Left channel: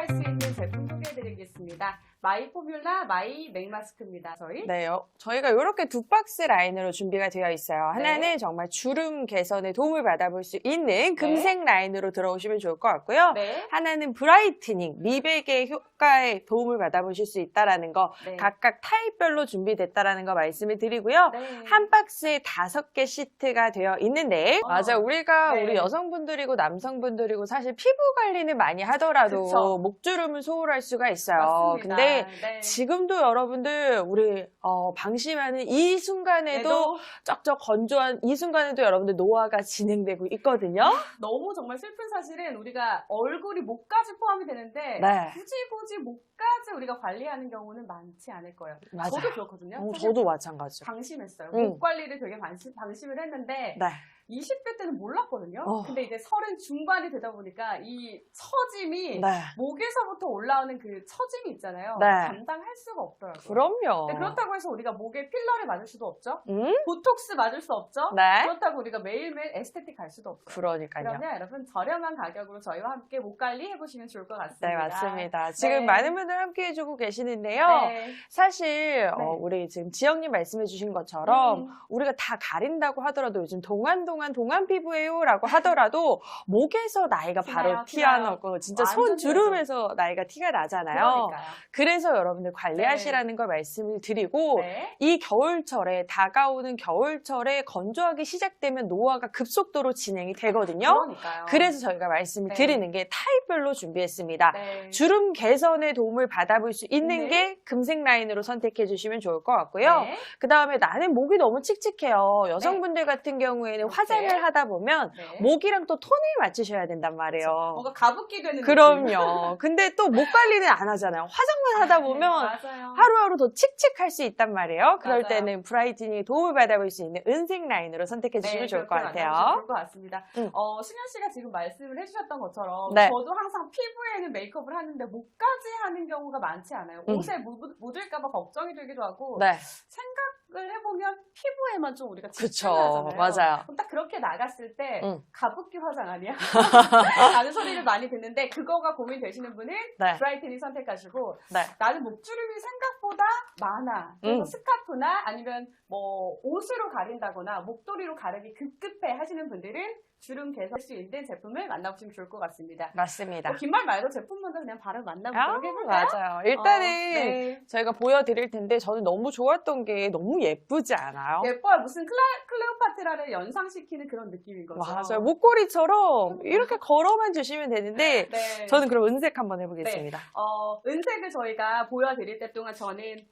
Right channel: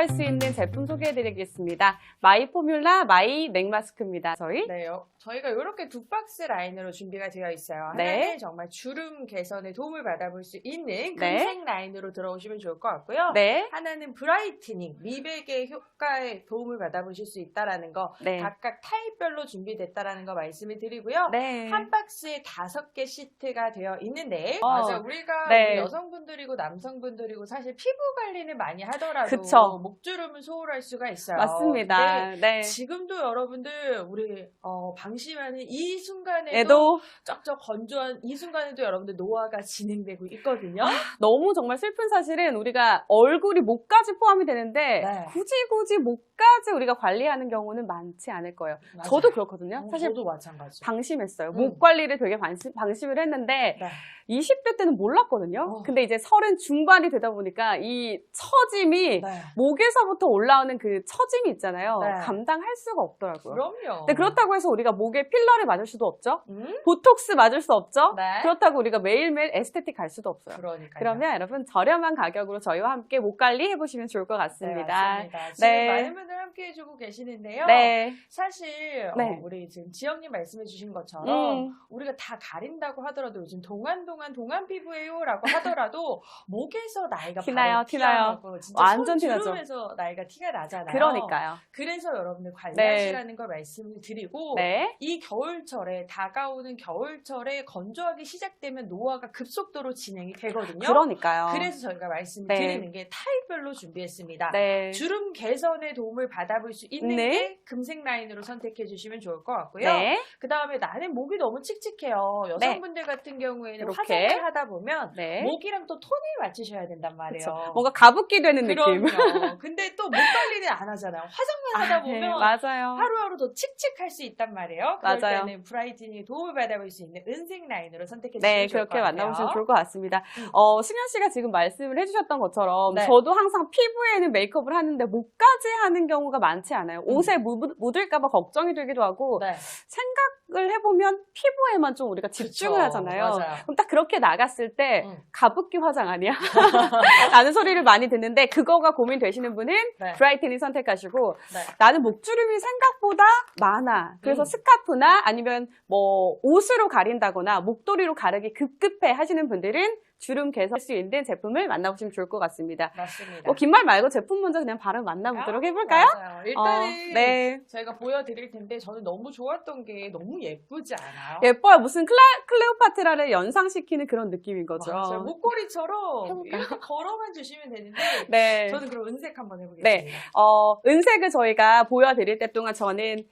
할 수 있는 제품 소개해드리겠습니다. 마이 포뮬라 마이 넥마스크입니다. 저희 네, 요 저희가 이렇게 두 박스 라인으로 준비가 되어 있어요. 네. 하나는 정말 주름 개선에 도움을 받아볼 수 있는 금색 라인으로 들어오시면 좋을 것 같고요. 네, 하나는 브라이트닝, 미백의 효과에 도움을 받아보실 수 있다라는 거 네, 각각 타입별로 준비됐다라는 거 말씀을 드리고요. 네. 한 박스에 다섯 개 시트가 되어 있는데 어. 맞아요. 우리가 네. 우리 여성분들이고 남성분들이고 사실 피부 관리는 많이 하더라도 그쵸. 목주름을 소홀할 수가 있어요. 맞습니다. 근데 네. 지금도 여러분들 우리 어, 방심하는 이 순간에도 에도 쩍쩍 건조한 이 순간에도 여러분들 노화가 진행되고 있거든요. 너무 정말 슬픈 사실은 우리가 얼굴이 목까지 포함이 되는데 네. 굳이 굳이 목까지 우리가 관리하는 경우는 많지 않을 거예요. 맞아요. 저도 그렇거든요. 음, 사실 저도 마찬가지죠. 방심했어요. 음. 목 관리를 되게 방심, 방심을 했는데 네. 20대 때는 몰랐거든요. 어. 근데 이제 서른 중반이 되다 보니까 이 처짐이 네. 목에서부터 올라오는 그 처짐이 있잖아요. 네. 감당할 수가 없더라고요. 그럼요. 근데 그렇다고 해서 우리가 목에 필러를 맞을 수도 없죠. 음? 보톡스 맞을 수 없죠. 네. 그렇다고 우리가 매일매일 에스테틱 갈 수도 없어요. 그러니까요. 그러면 여러분 저렴한 가격으로 저희와 함께 목 관리 해보시면 좋을 것 네, 같습니다. 맞습니다. 지금 네. 많은 분들 함께 해주고 계시는데요. 네. 사실 네. 어, 우리 지금 지영님 말씀해주신 것처럼 음. 우리가 다 가린다고 하더라도 요즘 동안 동안 동안 피부예요라고 하더라도 목에서 나이가 티나요, 바로. 티나고 진짜 완전 손주름에서 나이가 티가 나잖아요. 그러니까요. 그래서 여러분들 관리하시라는 걸 말씀을 드리고 네. 이 겨울철에 다가오는 겨울철에 건조하기 시작되면 노화가 급속도로 진행이 되거든요. 그러니까요. 그래서 저희가 말씀을 네. 드리는 게 타입별로 준비했습니다. 네. 주름 개선에 도움을 받 아볼 수 있는 네. 게 금색 라인으로 선택해 주시면 좋을 것 같고요. 네. 그 다음에 나는 목이 너무 칙칙해요. 여성분들 같은 경우에는 이렇게. 화장을 하다 보면 네. 목이랑 또 톤을 맞추셔야 된단 말이에요. 그렇죠. 뭔가 가붓기 되는 느낌. 그럼요. 근데 또 목 관리는 안 하잖아요. 화장만 하다 아, 네, 보면 맞아요. 하루하루 더 칙칙할 수 있단 말이에요. 그럴 맞아요. 때는 브라이트닝에 도움을 받아볼 수 있는 은색 라인으로 선택해 주시면 네, 좋을 것 같아요. 만나보시면 좋을 것 같습니다. 음. 어, 승현 씨가 지금 말씀을 해주셨던 것처럼 네. 저도 항상 피부에는 메이크업을 하는데 목까지 하는 경우 가 많지 않아요. 음. 옷에 묻, 묻을까봐 걱정이 되기도 하고 네. 생각을 해보면 피부에만 좀 우리가 집중을 그쵸. 하잖아요. 맞아요. 그럼 딱 그렇게 나갔을 때 음. 가붓기 화장 아니야? 라는 소리를 많이 듣는데 그거가 고민되시는 분은 네. 브라이트닝 선택하시고 네. 나는 목주름이 생각보다 많아. 그래서 음. 스카프나 아니면 뭐 옷으로 가린다거나 목도리로 가르기 급급해 하시는 분들은 주름 개선할 수 있는 제품을 만나보시면 좋을 것 같습니다. 맞습니다. 뭐긴말 말고 제품 먼저 그냥 바로 만나보도록 아, 해볼까요? 맞아요. 일단은 어, 네. 저희가 보여드릴 텐데 저는 너무 좋았던 게 너무 예쁘지 않아요? 예뻐요. 무슨 클레, 클레오파트라를 연상시키는 그런 느낌인 거죠. 맞아요. 목걸이처럼 이렇게 걸어만 주시면 되는데 네. 저는 그럼 은색 한번 해보겠습니다. 어, 은색을 저희가 보여드릴 때 동안 저는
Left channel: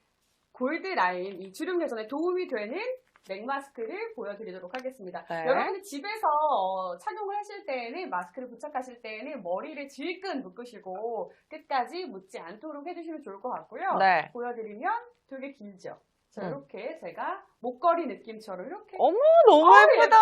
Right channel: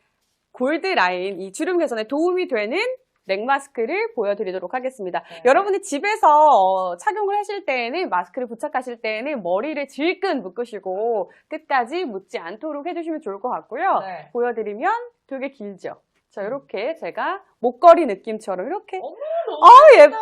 골드 라인, 이 주름 개선에 도움이 되는 넥 마스크를 보여드리도록 하겠습니다. 네. 여러분이 집에서 어, 착용을 하실 때에는 마스크를 부착하실 때에는 머리를 질끈 묶으시고 끝까지 묻지 않도록 해주시면 좋을 것 같고요. 네. 보여드리면 되게 길죠. 자, 음. 이렇게 제가 목걸이 느낌처럼 이렇게 어머, 너무 아 예뻐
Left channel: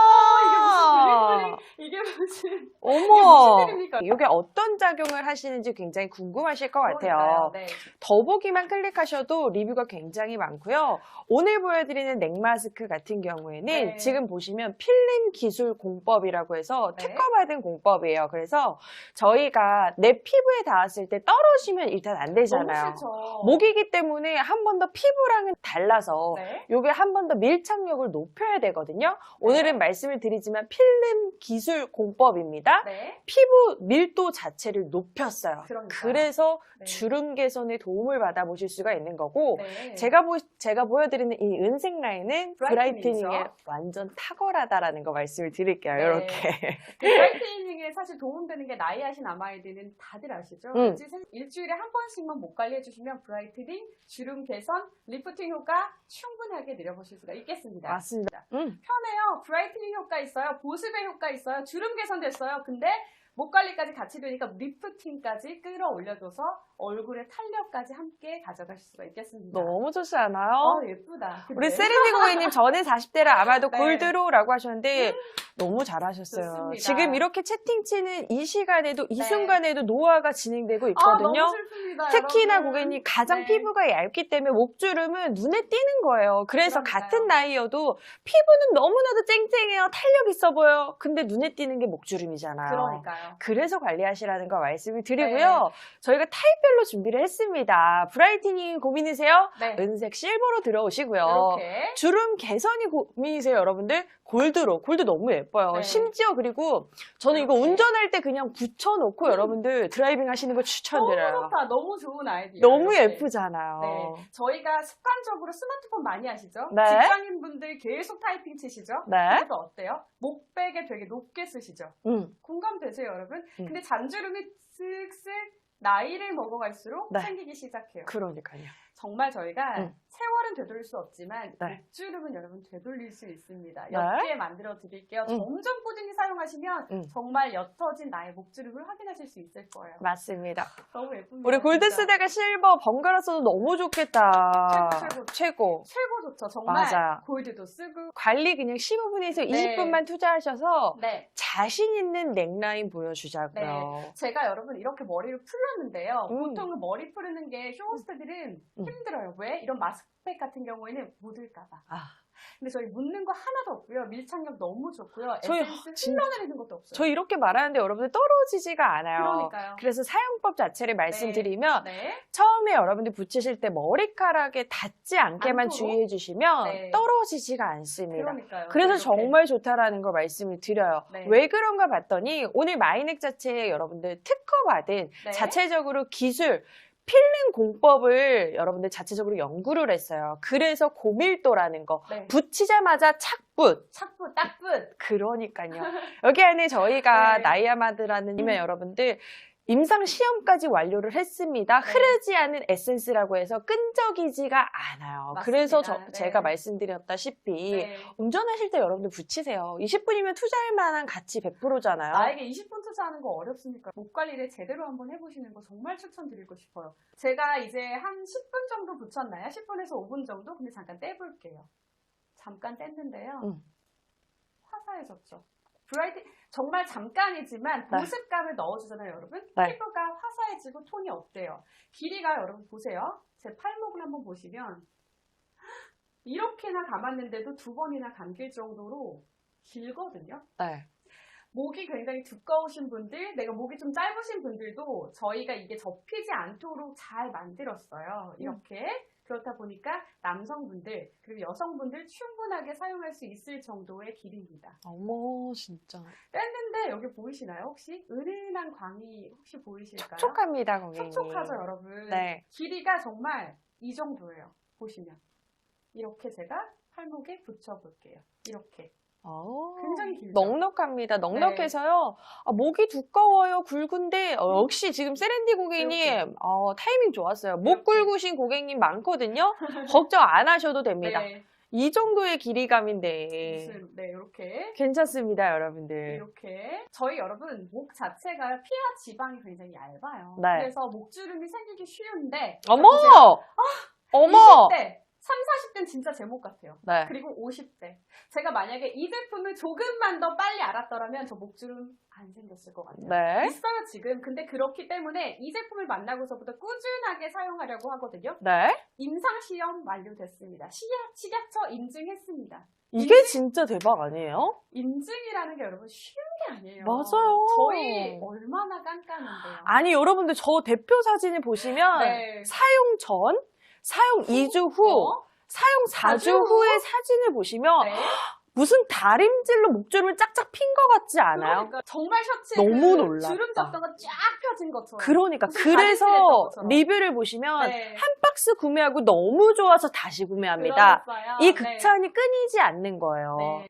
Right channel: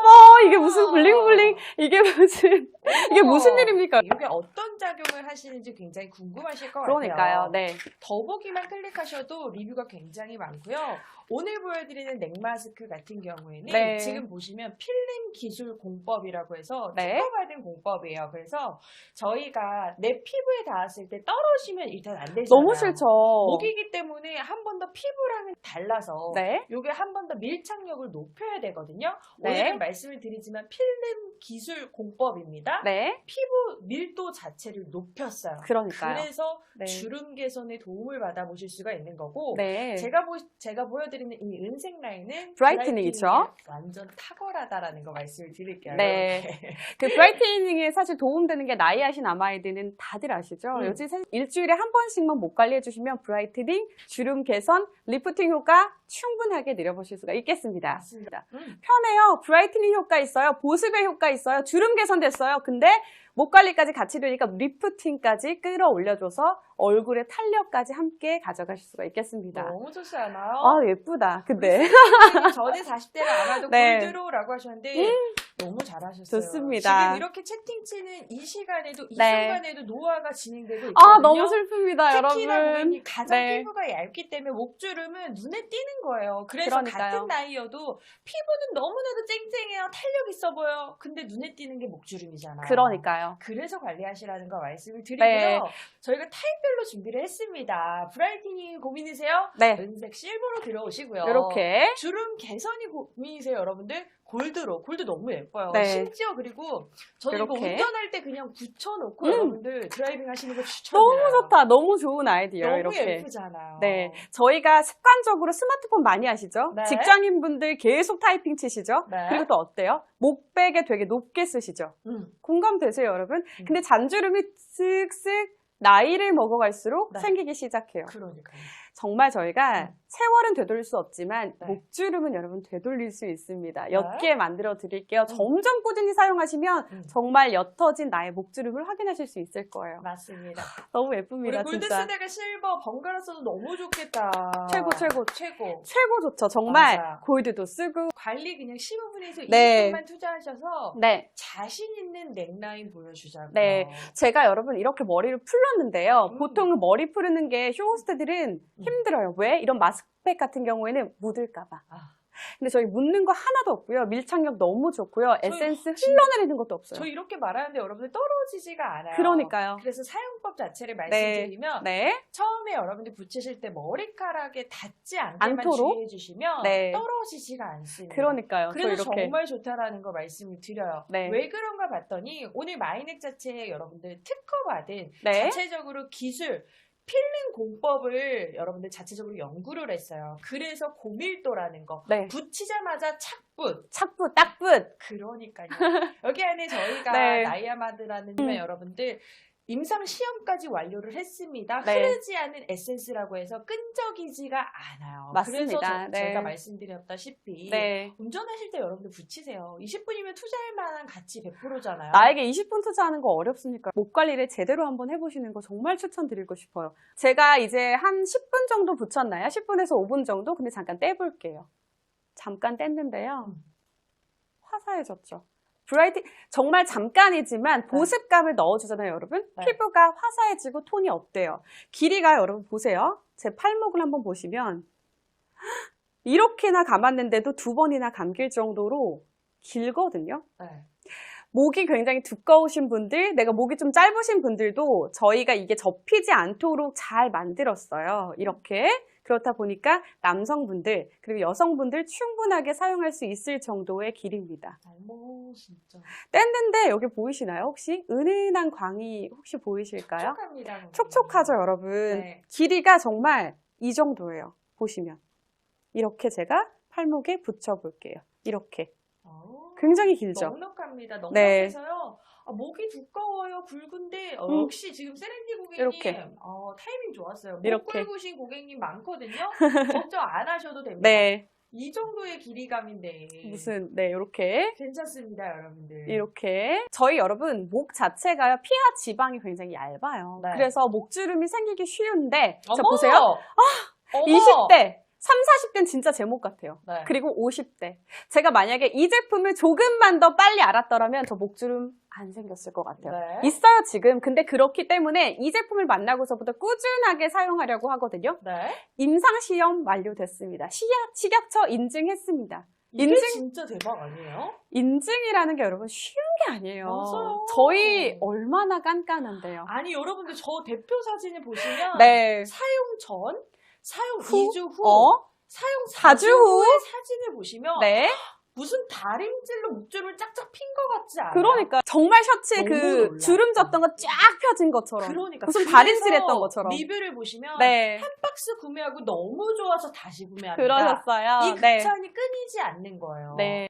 이게 무슨 블링블링 이게 무슨 이게 무슨 일입니까? 이게 어떤 작용을 하시는지 굉장히 궁금하실 것 같아요. 그러니까요. 네. 더보기만 클릭하셔도 리뷰가 굉장히 많고요. 오늘 보여드리는 넥 마스크 같은 경우에는 네. 지금 보시면 필름 기술 공법이라고 해서 네. 특허받은 공법이에요. 그래서 저희가 내 피부에 닿았을 때 떨어지면 일단 안 되잖아요. 너무 싫죠. 목이기 때문에 한 번 더 피부랑은 달라서 네. 요게 한 번 더 밀착력을 높여야 되거든요. 네. 오늘은 말씀을 드리지만 필름 기술 공법입니다. 네. 피부 밀도 자체를 높였어요. 그러니까요. 그래서 네. 주름 개선에 도움을 받아보실 수가 있는 거고 네. 제가 보 제가 보여드 리는 이 은색 라인은 브라이트닝이죠. 브라이트닝에 완전 탁월하다라는 거 말씀을 드릴게요. 네. 이렇게 그 브라이트닝에 사실 도움되는 게 나이 하신 아마이드는 다들 아시죠? 음. 일주일에 한 번씩만 목 관리해 주시면 브라이트닝, 주름 개선, 리프팅 효과 충분하게 누려보실 수가 있겠습니다. 맞습니다. 음. 편해요. 브라이트닝 효과 있어요. 보습의 효과 있어요. 주름 개선 됐어요. 근데 목 관리까지 같이 되니까 리프팅까지 끌어올려줘서 얼굴의 탄력까지 함께 가져가실 수가 있겠습니다. 너무 좋지 않아요? 아 예쁘다. 우리 근데 세리님 전에 40대라 아마도 네. 골드로라고 하셨는데 너무 잘하셨어요. 좋습니다. 지금 이렇게 채팅 치는 이 시간에도 이 네. 순간에도 노화가 진행되고 있거든요. 아, 너무 슬픕니다, 특히나 여러분. 고객님 가장 네. 피부가 얇기 때문에 목주름은 눈에 띄는 거예요. 그래서 그러니까요. 같은 나이여도 피부는 너무나도 쨍쨍해요. 탄력 있어 보여. 근데 눈에 띄는 게 목주름이잖아요. 그러니까요. 그래서 관리하시라는 거 말씀을 드리고요. 네. 저희가 타입별로 준비를 했습니다. 브라이트닝 고민이세요? 네. 은색 실버로 들어오시고요. 이렇게. 주름 개선이 고민이세요, 여러분들? 골드로. 골드 너무 예뻐요. 네. 심지어 그리고 저는 이거 이렇게. 운전할 때 그냥 붙여놓고 음. 여러분들 드라이빙 하시는 거 추천드려요. 너무 좋다. 너무 좋은 아이디어. 너무 이렇게. 예쁘잖아요. 네. 저희가 습관적으로 스마트폰 많이 하시죠? 네. 직장인분들 계속 타이핑 치시죠? 네. 그리고 또 어때요? 목베개 되게 높게 쓰시죠? 음. 공감되세요, 여러분? 음. 근데 잔주름이 쓱쓱 나이를 먹어갈수록 네. 생기기 시작해요. 그러니까요. 정말 저희가 음. 세월은 되돌릴 수 없지만 네. 목주름은 여러분 되돌릴 수 있습니다. 네. 옅게 만들어 드릴게요. 음. 점점 꾸준히 사용하시면 음. 정말 옅어진 나의 목주름을 확인하실 수 있을 거예요. 맞습니다. 너무 예쁩니다. 우리 골드 진짜. 스대가 실버 번갈아 써도 너무 좋겠다. 최고, 최고. 최고. 최고 좋죠. 정말 맞아. 골드도 쓰고. 관리 그냥 15분에서 네. 20분만 투자하셔서 네. 자신 있는 넥라인 보여주자고요. 네. 제가 여러분 이렇게 머리를 풀렀는데요. 음. 보통 머리 푸르는 게 쇼호스트들은 음. 힘들어요. 왜? 이런 마스크팩 같은 경우에는 묻을까 봐. 아. 근데 저희 묻는 거 하나도 없고요. 밀착력 너무 좋고요. 에센스 진- 흘러내리는 것도 없어요. 저 이렇게 말하는데 여러분들 떨어지지가 않아요. 그러니까요. 그래서 사용법 자체를 말씀드리면 네. 처음에 여러분들 붙이실 때 머리카락에 닿지 않게만 않도록? 주의해 주시면 네. 떨어지지가 않습니다. 그러니까요. 그래서. 정말 좋다라는 걸 말씀을 드려요. 네. 왜 그런가 봤더니 오늘 마이넥 자체에 여러분들 특허받은 네. 자체적으로 기술 필링 공법을 여러분들 자체적으로 연구를 했어요. 그래서 고밀도라는 거 네. 붙이자마자 착붙 착붙, 딱붙. 그러니까요. 여기 안에 저희가 네. 나이아마드라는 님의 음. 여러분들 임상 시험까지 완료를 했습니다. 네. 흐르지 않은 에센스라고 해서 끈적이지가 않아요. 그래서 저- 맞습니다. 네. 제가 말씀드렸다시피 네. 운전하실 때 여러분들 붙이세요. 20분이면 투자할 만한 가치 100%잖아요. 나에게 20분 투자하는 거 어렵으니까 목 관리를 제대로 한번 해보시는 거 정말 추천드리고 싶어요. 제가 이제 한 10분 정도 붙였나요? 10분에서 5분 정도? 근데 잠깐 떼볼게요. 잠깐 뗐는데요. 음. 화사해졌죠. 브라이트 정말 잠깐이지만 네. 보습감을 넣어주잖아요, 여러분. 네. 피부가 화사해지고 톤이 어때요? 길이가 여러분 보세요. 제 팔목을 한번 보시면 이렇게나 감았는데도 두 번이나 감길 정도로 길거든요. 네. 목이 굉장히 두꺼우신 분들, 내가 목이 좀 짧으신 분들도 저희가 이게 접히지 않도록 잘 만들었어요. 이렇게. 그렇다 보니까 남성분들, 그리고 여성분들 충분하게 사용할 수 있을 정도의 길입니다. 어머 진짜 뗐는데 여기 보이시나요? 혹시? 은은한 광이 혹시 보이실까요? 촉촉합니다. 고객님. 촉촉하죠, 여러분? 네. 길이가 정말 이 정도예요. 보시면. 이렇게 제가 팔목에 붙여볼게요. 이렇게. 어, 굉장히 길죠? 넉넉합니다. 넉넉해서요. 아, 목이 두꺼워요. 굵은데 어, 음. 역시 지금 세렌디 고객님. 어, 타이밍 좋았어요. 목 이렇게. 굵으신 고객님 많거든요. 걱정 안 하셔도 됩니다. 네. 이 정도의 길이감인데 무슨, 네, 이렇게. 괜찮습니다, 여러분들. 이렇게 저희 여러분 목 자체가요 피하 지방이 굉장히 얇아요. 네. 그래서 목주름이 생기기 쉬운데 자, 어머! 보세요. 어머! 20대, 3, 40대는 진짜 제목 같아요. 네. 그리고 50대. 제가 만약에 이 제품을 조금만 더 빨리 알았더라면 저 목주름 안 생겼을 것 같아요. 네. 있어요 지금. 근데 그렇기 때문에 이 제품을 만나고서부터 꾸준하게 사용하려고 하거든요. 네. 임상 시험 완료됐습니다. 식약, 식약처 인증했습니다. 이게 인증- 진짜 대박 아니에요? 인증이라는 게 여러분 쉬운 게 아니에요. 맞아요. 저희 얼마나 깐깐한데요. 아니, 여러분들 저 대표 사진을 보시면 네. 사용 전, 사용 후? 2주 후, 어? 사용 4주 4주 후의 사진을 보시면 네. 무슨 다림질로 목주름을 짝짝 핀 것 같지 않아요? 그러니까 정말 셔츠에 그 놀랍다. 주름 졌던 거 쫙 펴진 것처럼. 그러니까 무슨 다림질했던 것처럼. 리뷰를 보시면 네. 한 박스 구매하고 너무 좋아서 다시 구매합니다. 그러셨어요. 이 네. 극찬이 끊이지 않는 거예요. 네.